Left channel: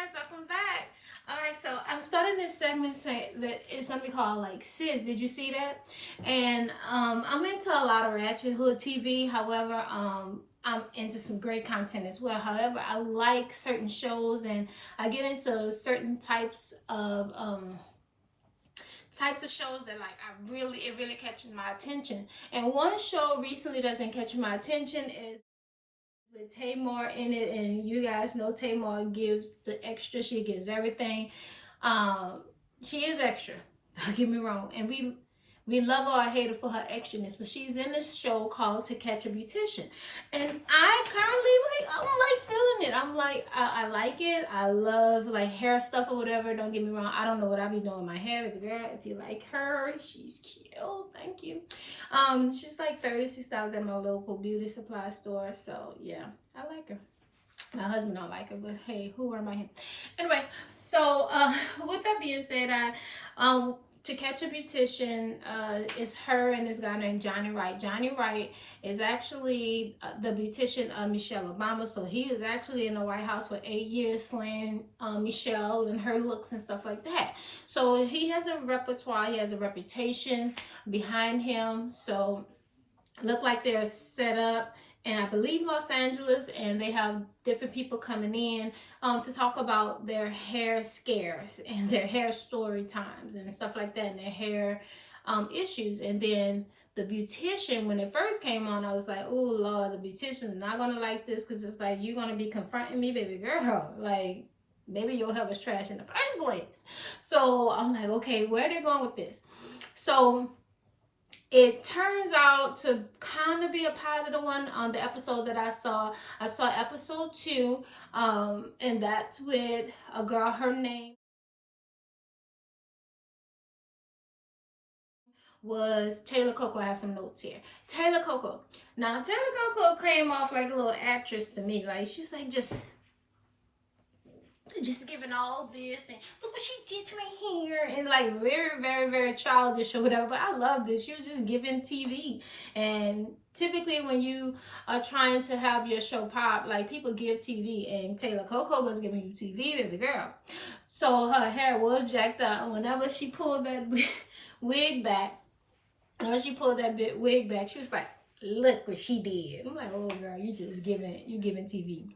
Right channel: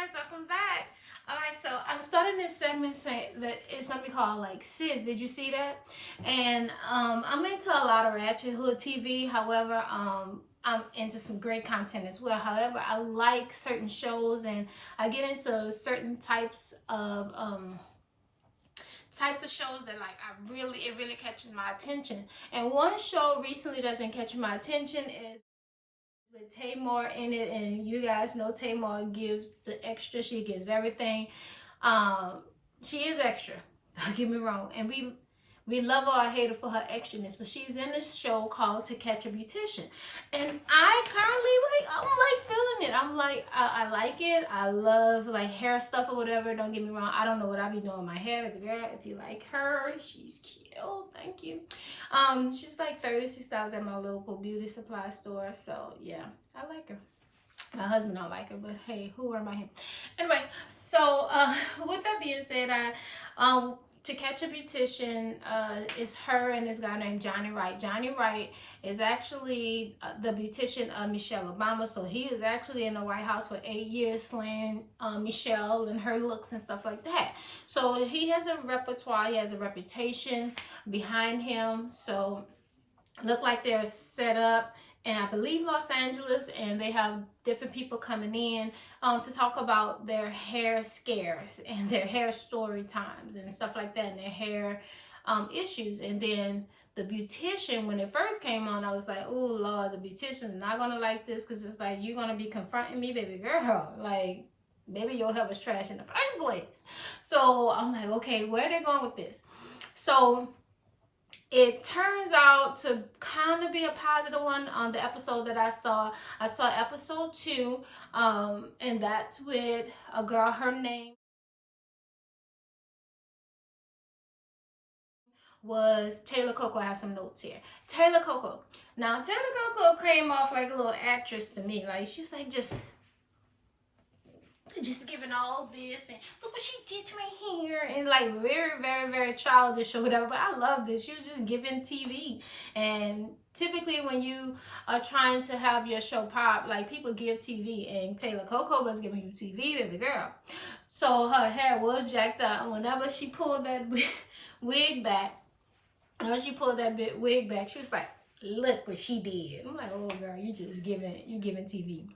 guys, welcome back. Alright, so I'm starting this segment saying that it's gonna be called like Sis. Did you see that? And I'm into a lot of ratchet hood TV. However, I'm into some great content as well. However, I like certain shows and I get into certain types of shows that like it really catches my attention. And one show recently that's been catching my attention is with Tamar in it, and you guys know Tamar gives the extra. She gives everything. Um, she is extra. Don't get me wrong, and we love her or hate her for her extraness, but she's in this show called To Catch a Beautician, and I currently I'm like feeling it. I'm like I like it. I love like hair stuff or whatever. Don't get me wrong. I don't know what I be doing with my hair, but girl, if you like her, she's cute. Thank you. She's like $36 at my local beauty supply store. So yeah, I like her. My husband don't like her, but hey, who am I? Anyway, so with that being said, To Catch a Beautician is her and this guy named Johnny Wright. Johnny Wright is actually the beautician of Michelle Obama. So he was actually in the White House for 8 years, slaying Michelle and her looks and stuff like that. So he has a repertoire, he has a reputation behind him. So look like they're set up and I believe Los Angeles, and they have different people coming in to talk about their hair scares and their hair story times and stuff like that, and their hair issues. And then the beautician, when it first came on, I was like, oh Lord, the beautician's not gonna like this, because it's like, you're gonna be confronting me, baby girl, like maybe your hair was trash in the first place. So I'm like, okay, where are they going with this? So it turns out to kind of be a positive one. On the episode that I saw episode 2, and that's with a girl. Her name was Taylor Coco. I have some notes here. Taylor Coco. Now Taylor Coco came off like a little actress to me. Like she was like just giving all this and look what she did to my hair, and like very very very childish or whatever. But I love this. She was just giving TV, and typically when you are trying to have your show pop, like people give TV, and Taylor Coco was giving you TV, baby girl. So her hair was jacked up. Whenever she pulled that wig back, she was like, look what she did. I'm like, oh girl, you giving TV.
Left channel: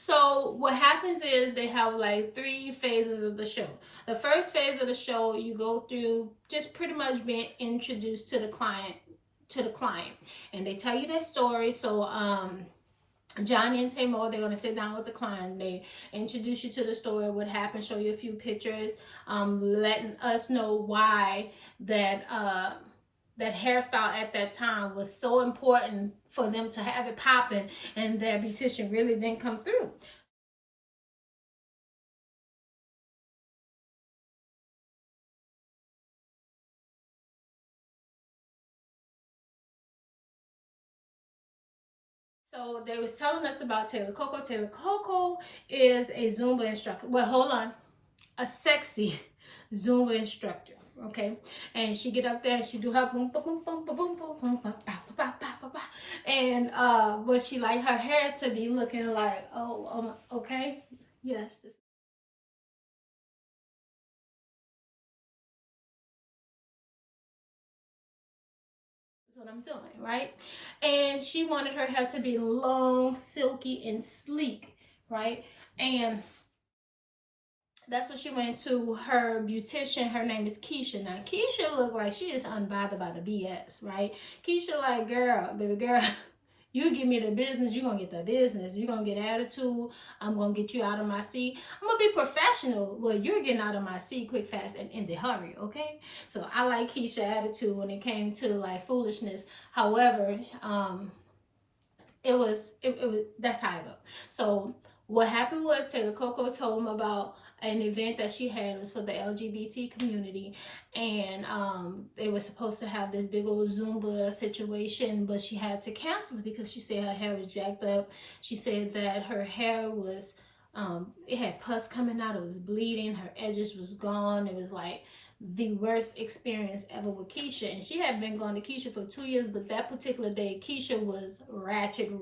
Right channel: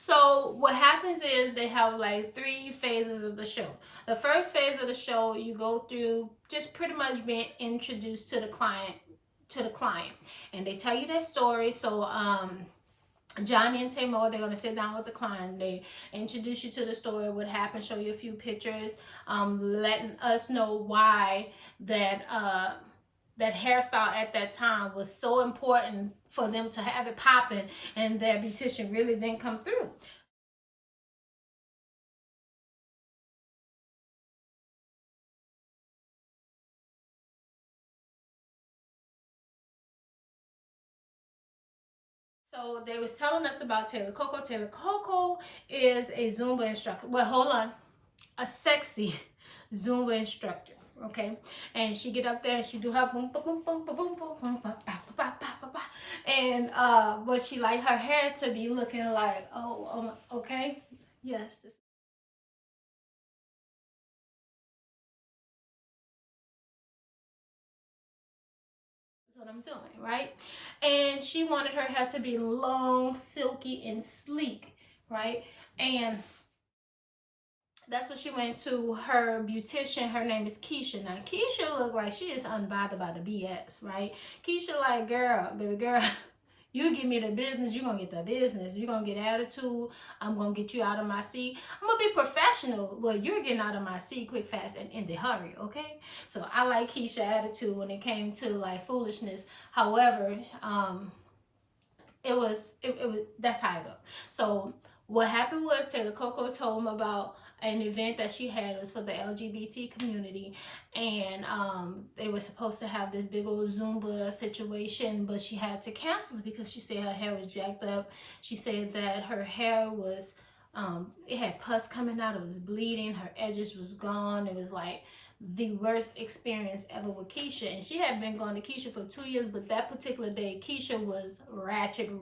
So what happens is they have like 3 phases of the show. The first phase of the show, you go through just pretty much being introduced to the client, and they tell you their story. So Johnny and Tamar, they're going to sit down with the client. They introduce you to the story, what happened, show you a few pictures, letting us know why that hairstyle at that time was so important for them to have it popping, and their beautician really didn't come through. So they was telling us about Taylor Coco. Taylor Coco is a Zumba instructor. Well, hold on, a sexy Zumba instructor. Okay, and she get up there and she do her boom boom boom boom boom boom boom boom, and but she like her hair to be looking like, oh okay, yes, this is what I'm doing, right? And she wanted her hair to be long, silky, and sleek, right? And that's what she went to her beautician. Her name is Keisha. Now Keisha looked like she is unbothered by the BS, right? Keisha like, girl, baby girl, you give me the business, you're gonna get the business. You're gonna get attitude. I'm gonna get you out of my seat. I'm gonna be professional. Well, you're getting out of my seat quick, fast, and in the hurry, okay? So I like Keisha attitude when it came to like foolishness. However, it was that's how I go. So what happened was Taylor Coco told him about an event that she had. It was for the LGBT community, and they were supposed to have this big old Zumba situation, but she had to cancel it because she said her hair was jacked up. She said that her hair was it had pus coming out, it was bleeding, her edges was gone. It was like the worst experience ever with Keisha. And she had been going to Keisha for 2 years, but that particular day Keisha was ratchet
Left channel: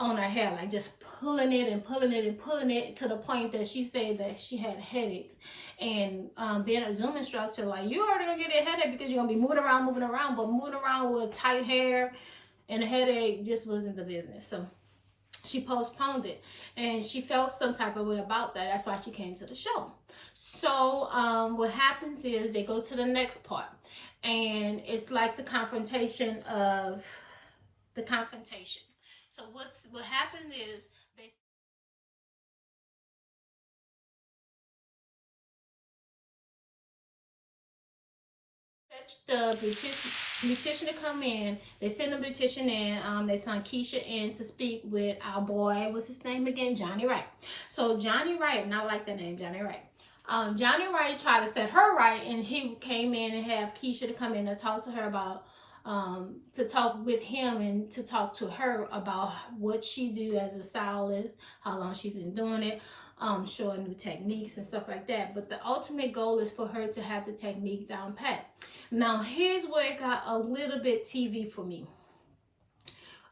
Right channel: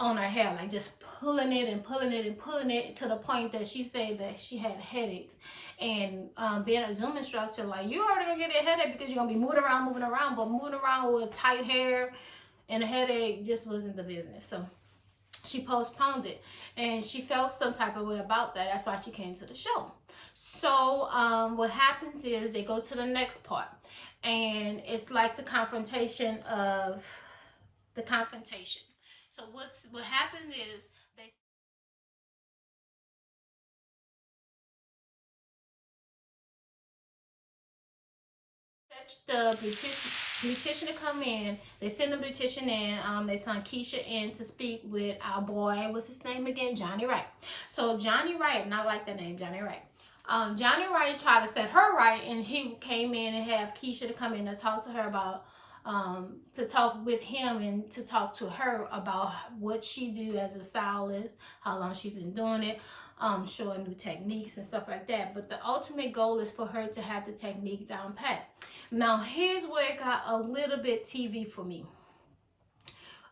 on her hair, like just pulling it and pulling it and pulling it to the point that she said that she had headaches. And being a Zoom instructor, like, you already gonna get a headache because you're gonna be moving around, but moving around with tight hair and a headache just wasn't the business. So she postponed it, and she felt some type of way about that. That's why she came to the show. So what happens is they go to the next part, and it's like the confrontation of the confrontation. So what happened is they the beautician to come in. They send the beautician in. They send Keisha in to speak with our boy. What's his name again? Johnny Wright. So Johnny Wright, not like the name Johnny Wright. Johnny Wright tried to set her right, and he came in and have Keisha to come in and talk to her about to talk with him and to talk to her about what she do as a stylist, how long she's been doing it, showing new techniques and stuff like that. But the ultimate goal is for her to have the technique down pat. Now, here's where it got a little bit TV for me.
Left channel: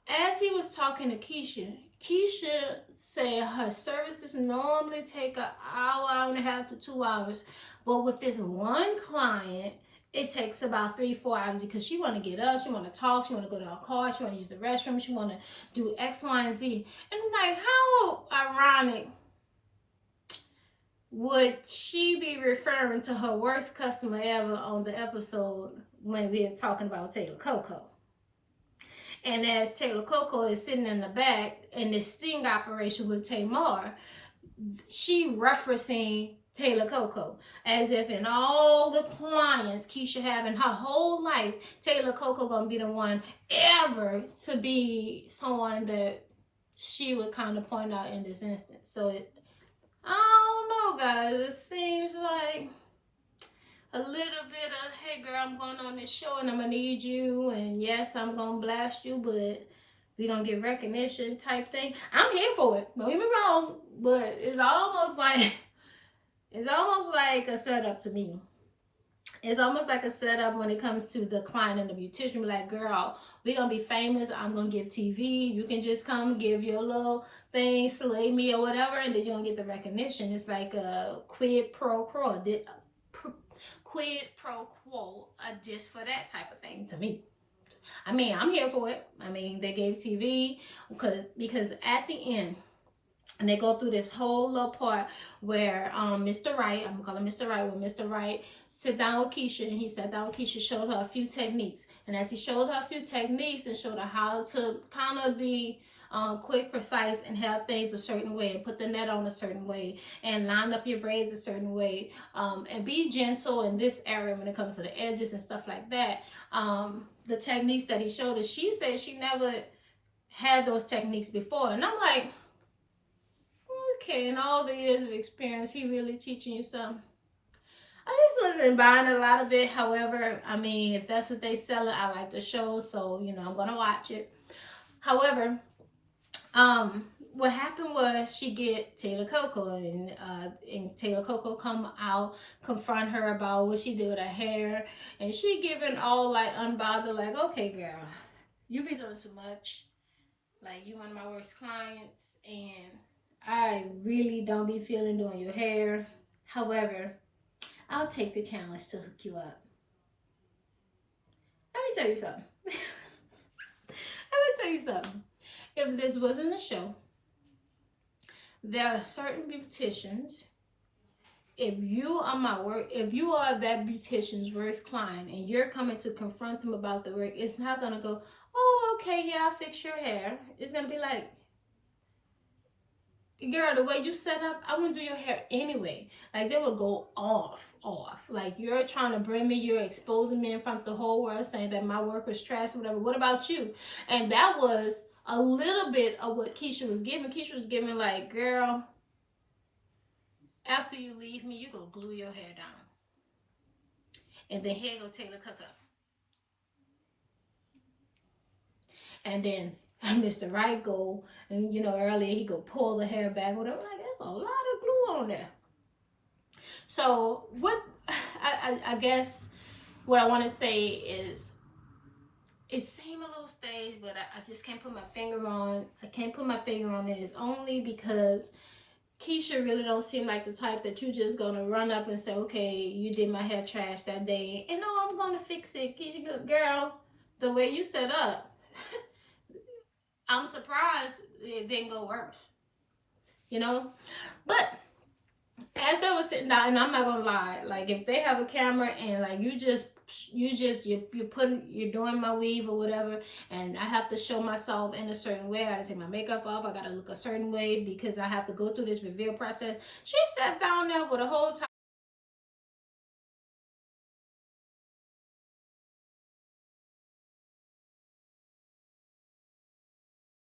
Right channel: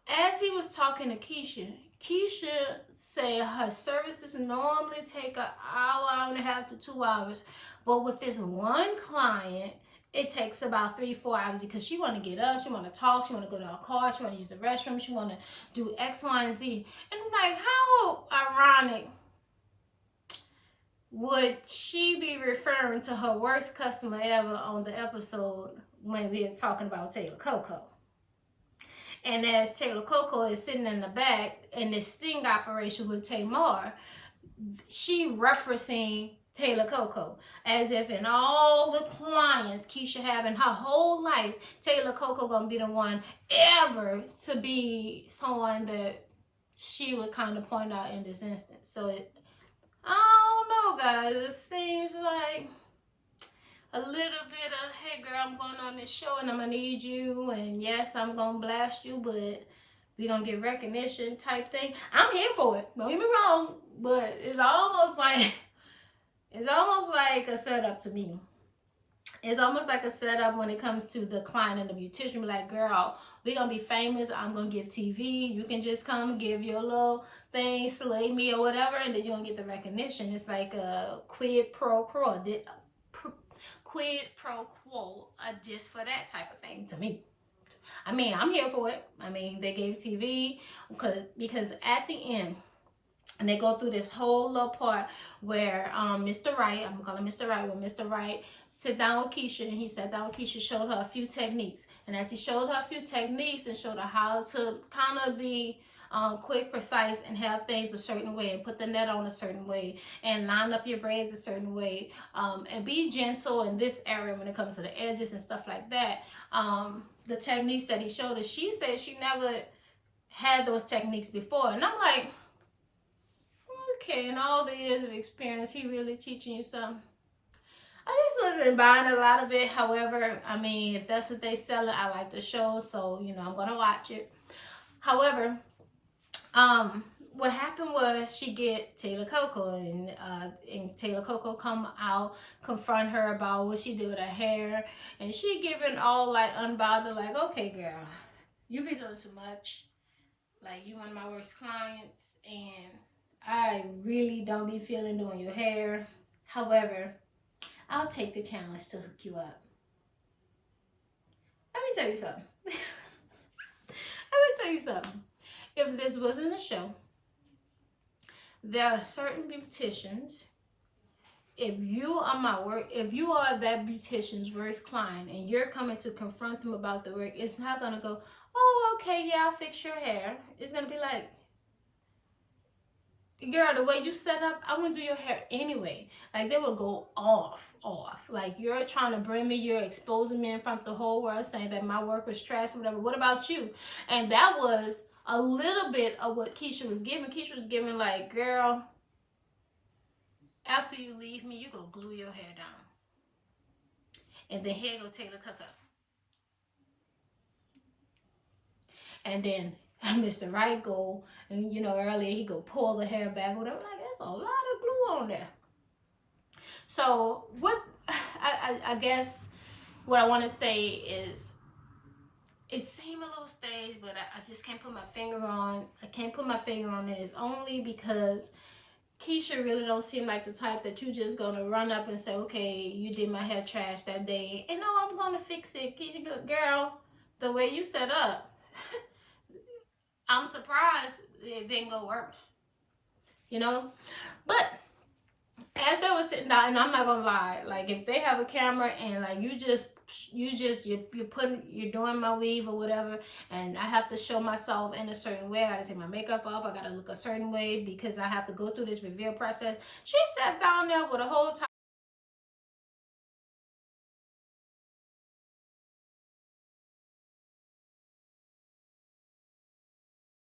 As he was talking to Keisha, Keisha said her services normally take an hour and a half to 2 hours. But with this one client, it takes about 3-4 hours because she want to get up, she want to talk, she want to go to her car, she want to use the restroom, she want to do X, Y, and Z. And I'm like, how ironic would she be referring to her worst customer ever on the episode when we are talking about Taylor Coco? And as Taylor Coco is sitting in the back in this sting operation with Tamar, she referencing Taylor Coco as if in all the clients Keisha having her whole life, Taylor Coco gonna be the one ever to be someone that she would kind of point out in this instance. So I don't know, guys. It seems like a little bit of, hey girl, I'm going on this show and I'm gonna need you, and yes, I'm gonna blast you, but we gonna get recognition type thing. I'm here for it. Don't get me wrong, but it's almost like a setup to me. It's almost like a setup when it comes to the client and the beautician. Be like, girl, we're gonna be famous. I'm gonna give TV. You can just come give your little thing, slay me or whatever, and then you don't get the recognition. It's like a quid pro quo, just for that type of thing to me. I mean, I'm here for it. I mean, they gave TV because at the end, and they go through this whole little part where Mr. Wright, I'm gonna call him Mr. Wright, when Mr. Wright sit down with Keisha, and he sat down with Keisha, showed her a few techniques. And as he showed her a few techniques and showed her how to kind of be quick, precise, and have things a certain way, and put the net on a certain way, and line up your braids a certain way, and be gentle in this area when it comes to the edges and stuff like that. The techniques that he showed her, she said she never had those techniques before. And I'm like, okay, in all the years of experience, he really teaching you something? I just wasn't buying a lot of it. However, I mean, if that's what they sell it, I like the show, so you know I'm gonna watch it. However, what happened was she get Taylor Coco, and Taylor Coco come out, confront her about what she did with her hair, and she giving all like unbothered, like, okay, girl, you be doing too much. Like, you one of my worst clients, and I really don't be feeling doing your hair. However, I'll take the challenge to hook you up. Let me tell you something. If this wasn't a show, there are certain beauticians, if you are that beautician's worst client and you're coming to confront them about the work, it's not gonna go, oh, okay, yeah, I'll fix your hair. It's gonna be like, girl, the way you set up, I wouldn't do your hair anyway. Like, they will go off. Like, you're trying to bring me, you're exposing me in front of the whole world, saying that my work was trash or whatever. What about you? And that was a little bit of what Keisha was giving. Keisha was giving like, girl, after you leave me, you go glue your hair down. And then here go Taylor Coco. And then Mr. Wright go, and you know, earlier he go pull the hair back, whatever. Like, that's a lot of glue on there. So what I guess what I want to say is, it seemed a little staged, but I just can't put my finger on. I can't put my finger on it. It's only because Keisha really don't seem like the type that you just gonna run up and say, okay, you did my hair trash that day, and oh, I'm gonna fix it. Keisha, girl, the way you set up, I'm surprised it didn't go worse. You know, but as they were sitting down, and I'm not gonna lie, like if they have a camera and like you're doing my weave or whatever, and I have to show myself in a certain way. I gotta take my makeup off. I gotta look a certain way because I have to go through this reveal process. She sat down there with a whole time.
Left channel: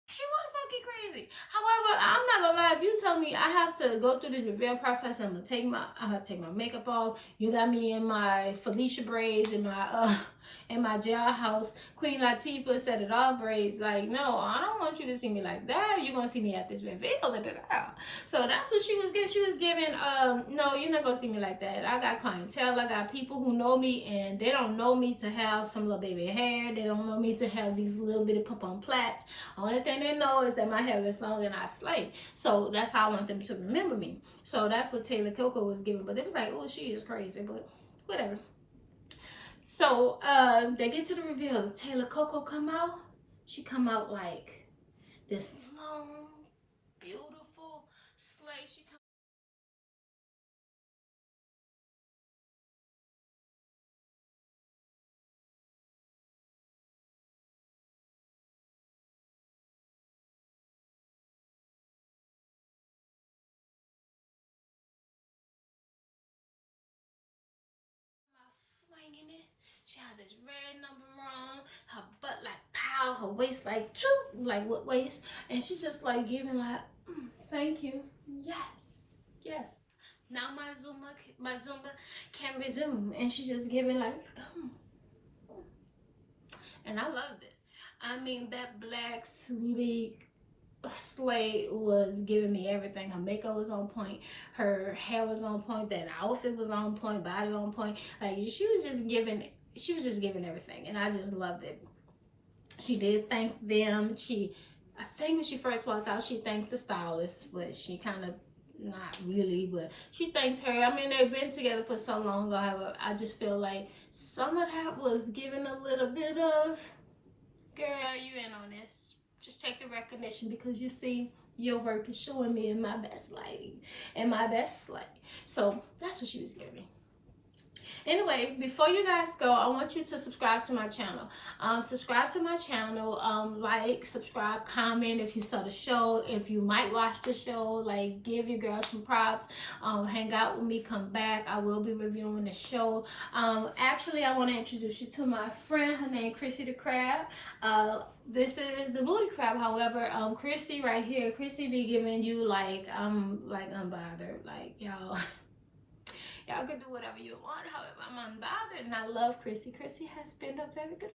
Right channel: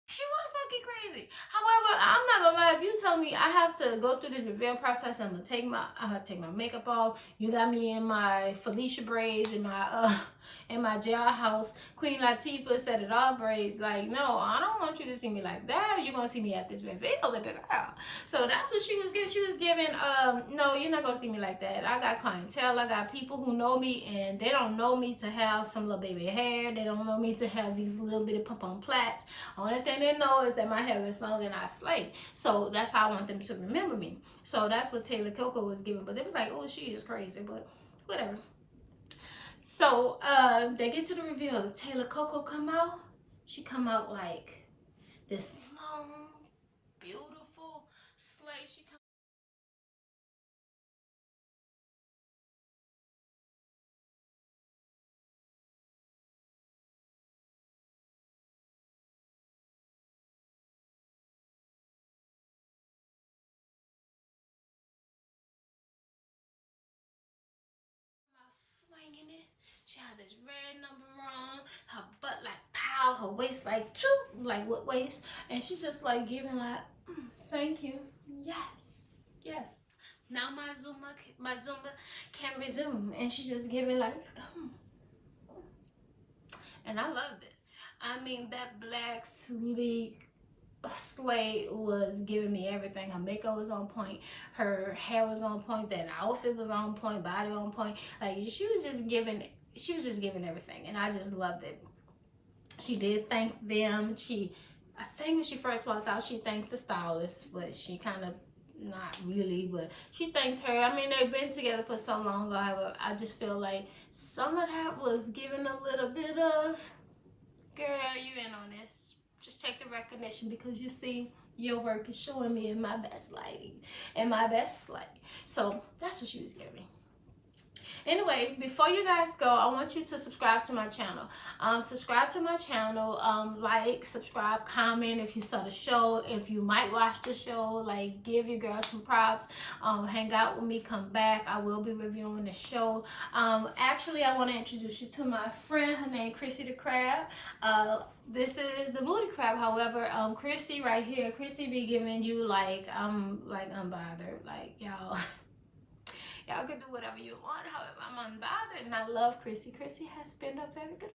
She was looking crazy. However, I'm not gonna lie. If you tell me I have to go through this reveal process, I'm gonna take my makeup off. You got me in my Felicia braids and my in my jailhouse Queen Latifah set it all braids. Like, no, I don't want you to see me like that. You're gonna see me at this reveal, baby girl. So that's what she was giving. She was giving, no, you're not gonna see me like that. I got clientele. I got people who know me, and they don't know me to have some little baby hair. They don't know me to have these little bitty pop-on plaits. Only thing they know is that my hair is long and I slay. So that's how I want them to remember me. So that's what Taylor Coco was giving. But they was like, oh, she is crazy, but whatever. So they get to the reveal. Taylor Coco come out. She come out like this long, beautiful slay. She come out swinging it. She had this red number on, her butt like pow, her waist like choo, like what waist, and she's just like giving like, thank you, yes, yes. Now my Zumba can resume, and she's just giving like, and I loved it. I mean, that black sleek Slay was giving me everything. Her makeup was on point, her hair was on point, that outfit was on point, body on point. Like she was just giving everything, and I just loved it. She did thank them. I think when she first walked out, she thanked the stylist, but she kind of not really, but she thanked her. I mean, they've been together for so long. However, I just feel like some of that was given a little bit of, girl, you in on this. Just take the recognition because you see your work is showing me in my best lighting and my best light. So that's what she was giving. Anyway, before you guys go, I want you to subscribe to my channel. Subscribe to my channel. Like, subscribe, comment if you saw the show. If you might watch the show, like, give your girl some props. Hang out with me, come back. I will be reviewing the show. Actually, I want to introduce you to my friend. Her name Chrissy the Crab. This is the Booty Crab. However, Chrissy right here, Chrissy be giving you like unbothered, like y'all. Y'all can do whatever you want. However, I'm unbothered, and I love Chrissy. Chrissy has been a very good